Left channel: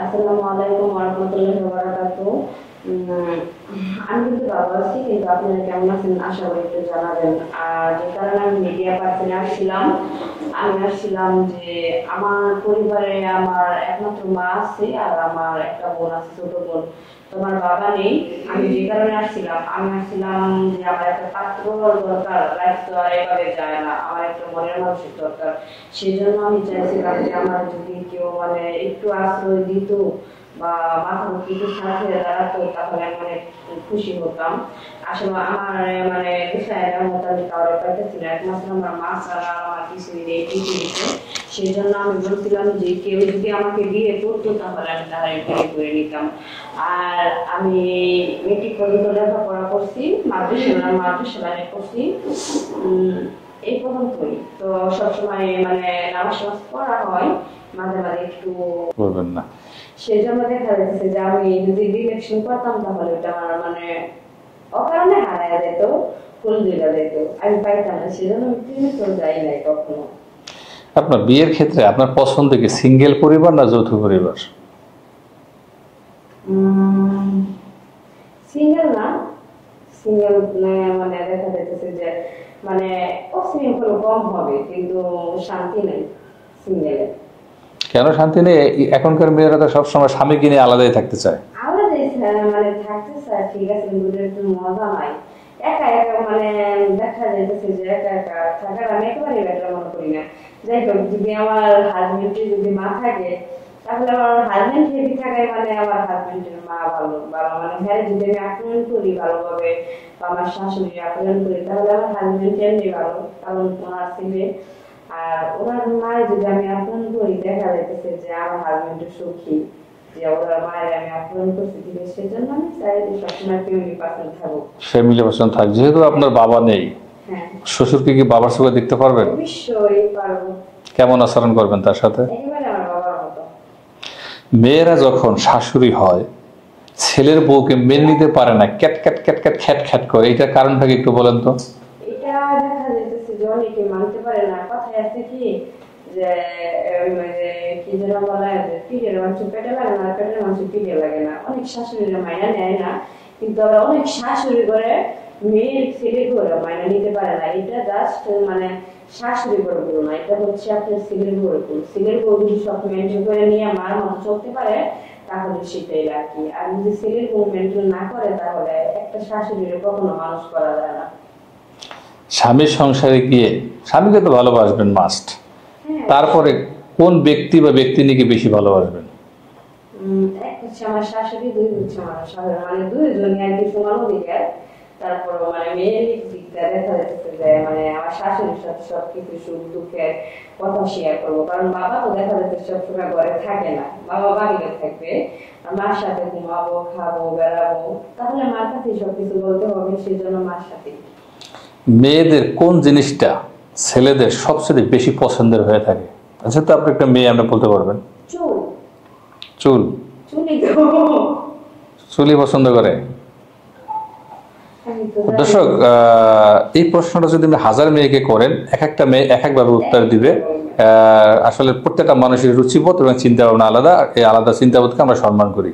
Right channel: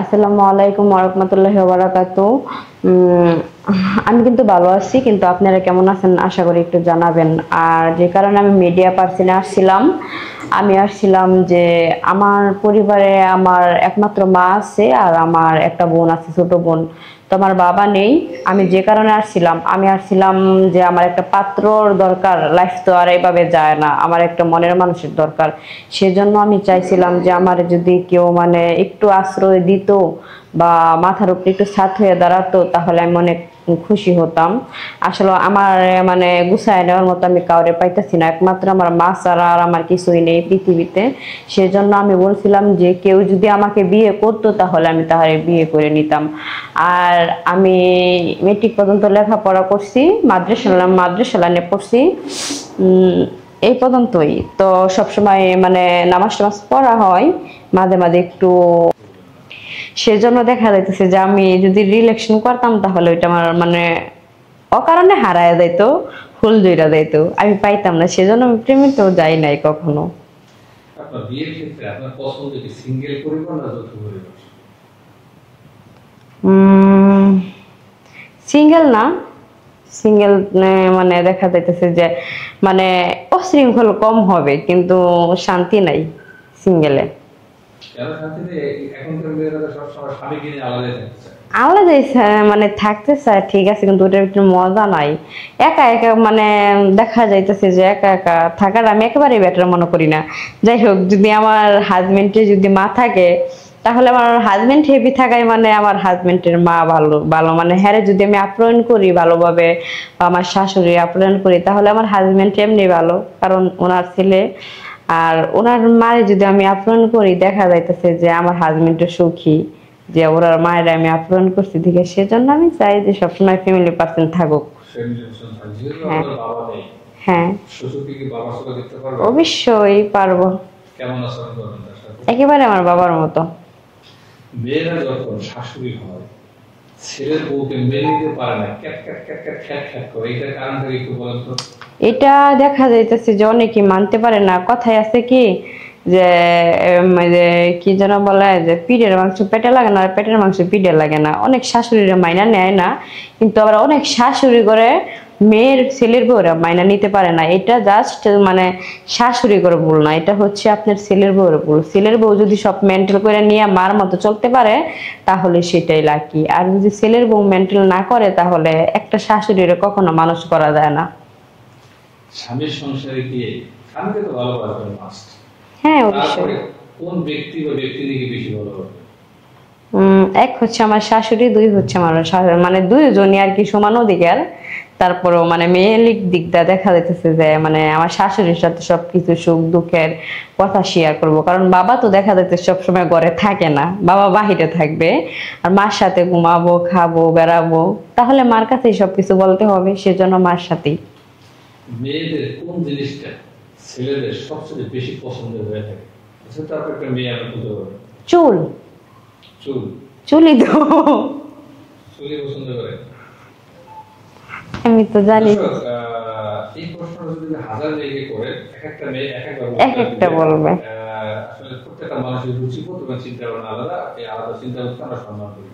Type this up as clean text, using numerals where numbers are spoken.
আসসালামু আলাইকুম ওয়া রাহমাতুল্লাহি ওয়া বারাকাতুহু। উম, আমি কিন্তু ভালো আছি, কিন্তু আপনারা কেমন আছেন আশা করি একটু জানাবেন। আর যে কারণে আমি মিডিয়া পার্সনে আসছিলাম, আমি আসছিলাম যে আমার পরিবারে আমার একমাত্র মা আছে আর আমার একটা বোন আছে, ছোট বোন। তো আমার বাবা নেই। আমি যে কারণে আসছিলাম, আমি আসছিলাম যে আমার একটা পাত্রর দরকার। লাইফ তো আর এইভাবে যায় না, আমার একটা মনের মানুষের দরকার। সেজন্য আমি চাইছিলাম যে আমার যদি কেউ মানে একটু আশ্রয় দিত বা মাথার উপরে একটু ছাদ হয়ে দাঁড়াতো, তাহলে আমি অনেক খুশি হতাম। আসলে আমার মানে গুছায় নেওয়ার মতো আমি কাউরে পাইতেছি না, একমাত্র আমার মা ছাড়া আর আমার কিছুই নেই পৃথিবীতে। সেজন্য আমি বলছিলাম যে কেউ যদি আমাকে বিয়ে করতো তাহলে আমি তাহারে বিয়ে করে নিতাম। আর আমি মেট্রিক পর্যন্ত লেখাপড়া করছি, মাদ্রাসা লাইনে পড়ছি। উম, এই পর্যন্তই। তো সবসময় মানে নামাজ টামাজ পড়া হয়, মাঝে মাঝে একটু। বলবেন না। সেজন্য দেখা যাইতেছে যে আমি যদি রিলেকশন করতাম তাহলে ওইটা আমার মানে অকারণে হারায় যাইতো, ফুল জইরা যাইতো, আমি পাইতাম না। সেজন্য আমি প্রেমিতেও যাই নাই কখনো। আপনার বিয়ের ক্ষেত্রে আপনার পছন্দ কি সিঙ্গেল পরিবার না যৌথ পরিবার? সিঙ্গেল না, সিঙ্গেল মানে দেখা যাইতেছে যে মানে অশৃঙ্খল কম হবে, কিন্তু শান্তি নাই সিঙ্গেলে। কেন শান্তি নেই? এখনকার মেয়েরা তো সবসময় স্বামীকে নিয়ে আলাদাই থাকতে চায়। আলাদাই মানে থাকতে চায় ঠিক আছে, কিন্তু ওটার একটু মজা নাই। একা একা মানে দেখা যাইতেছে যে একা একা থাকার আমি একেবারেই বেটার মনে করি না। যাই হোক, যদি আমার হাজবেন্ডের যদি মা থাকে তাহলে আমার হাজবেন্ড হেভি থাকায় মানে আমার হাজবেন্ডের মা ভালো ভালো মানে হ্যাঁ যদি আমি আপ্যায়ন করি ভালোভাবে, বা আমার শাশুড়ি আপ্যায়ন করি, তাহলে আমার হাজবেন্ড এমনি ভালো, কারণ ওনার ছেলে। আর ওনার মারে যদি আমি আপ্যায়ন করি, দেখা যাইতেছে যে আমার হাজবেন্ডও সুখী, যে ওরা মায়ের আমি আপ্যায়ন করছি দিকে। সেজন্য আমি চাই যে সবসময় ফ্যামিলি পার্সন থাকুক। ফ্যামিলি পার্সন থাক। যেহেতু হ্যাঁ, আপনার বাবা নেই, হ্যাঁ, শ্বশুরকে কি বাবার চোখে দেখতে পারবেন? অবশ্যই পারবো। কেমন আচরণ করবেন তার সাথে? একেবারে আমার বাবার মতো। মেয়েরা যখন শাশুড়ি হয়, ছেলের বউকে মেনে নিতে পারে না, ক্যাট ক্যাট ক্যাট ক্যাট খ্যাট খ্যাট করে। এটার কারণটা কি একটু বলেন তো? এটা দেখা যাইতেছে যে অনেকে মানতে পারে না। কথায় আছে কি যে যে কি যেন বলে যে পিঠের মাংস পেটে লাগে না, আর পেটের মাংস পিঠে লাগে না। অনেক শাশুড়িরা মাইনা নেয় না, কিন্তু আবার অনেক শাশুড়ি করে মেয়ের ছেলের বউরা মাইনা নিতে পারে না। এটা জাস্ট মানে শাশুড়ি করে ভুল না, এটা হচ্ছে আপনার ছেলের বউর ভুল। ছেলের বউ যদি সব মেন্টাল করে নিয়ে মার মতো চলতে পারে তাহলে সেটাই লাকি। আর যদি ছেলের বউ মেন্টাল না করে তাহলে একটা শাশুড়ির কখনো মানুষ করা যায় না। স্বামীর সংসারে গিয়ে স্বামীকে তো ভালোবাসবেন মাস্ট, হ্যাঁ, অবশ্যই। তারপরে কোন ব্যক্তি বা ব্যক্তি নিয়ে বেশি ভালোবাসবেন? এক হচ্ছে আমার শাশুড়ি, দুই হচ্ছে আমার মানে দুইজনই আর কি সমান অধিকার। তারপরেও মানে মেয়েলিক দিকটা দেখা যাইতেছে যে মানে আমার শাশুড়ির সাথে সবকিছু সুখ দুঃখের কথা শেয়ার করব, কারণ বাবা তো দেখা যাচ্ছে সবসময় ঘরে থাকে না, বাবা বাহিরে থাকবে। আর মার সাথে ঘুমাবো, খাবো, বেড়াবো, তাহলে মার কাছেই সবকিছু বলতে হবে, সেজন্য মার সাথেই। মেয়েদের কোন জিনিসটা ছেলেদের সবচেয়ে বেশি পছন্দের হয়ে থাকে? আচ্ছা, তো আপনি একটা মেয়ে আমরা বলতে পারবেন। চুল। চুল। চুলই তো। চুলই পছন্দ করে। আমি তো জানি। দর্শক, এই প্রশ্নটা যদি আপনি 1000 মেয়েকে করেন, এক একটা মেয়ে এক একভাবে উত্তর দিবে। বলবে। আসলে প্রত্যেকটা মানুষের রুচিবোধ এবং চিন্তা ভাবনা আলাদা। এই আলাদা চিন্তাবোধকে আমরা সম্মান করি।